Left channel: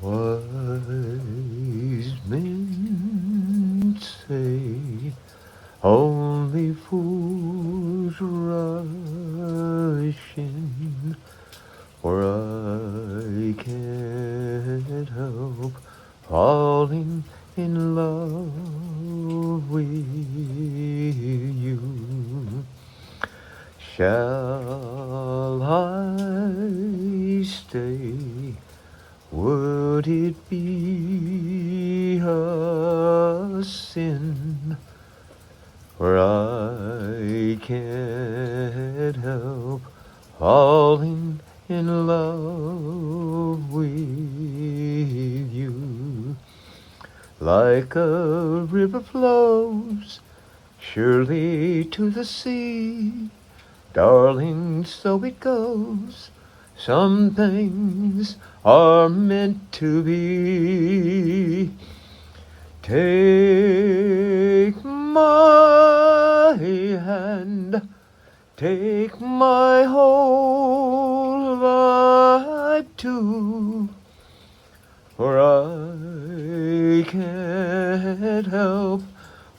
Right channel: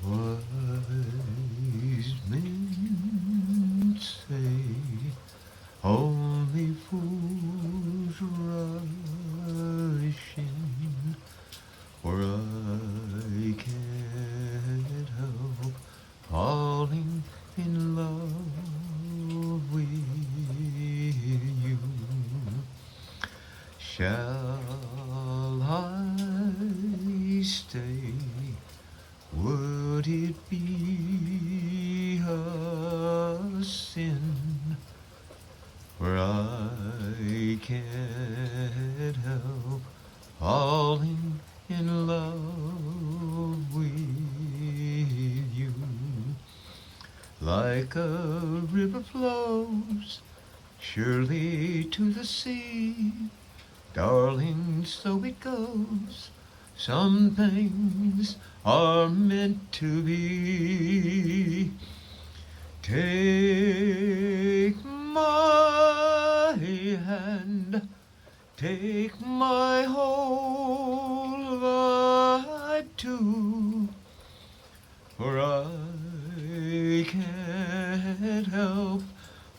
Wise men say only fools rush in, for I can't help falling in love with you. Shall I stay? Would it be a sin? For I can't help falling in love with you. Like a river flows surely to the sea, darling, so it goes. Some things are meant to be. Take my hand, take my whole life too, for I can't help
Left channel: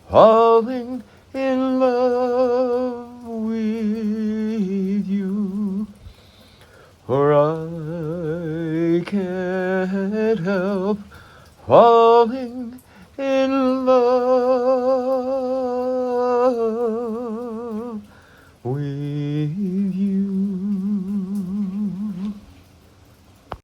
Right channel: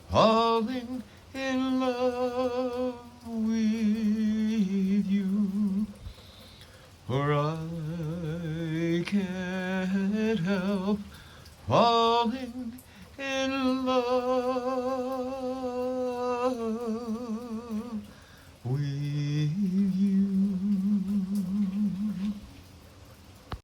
falling in love with you. For I can't help falling in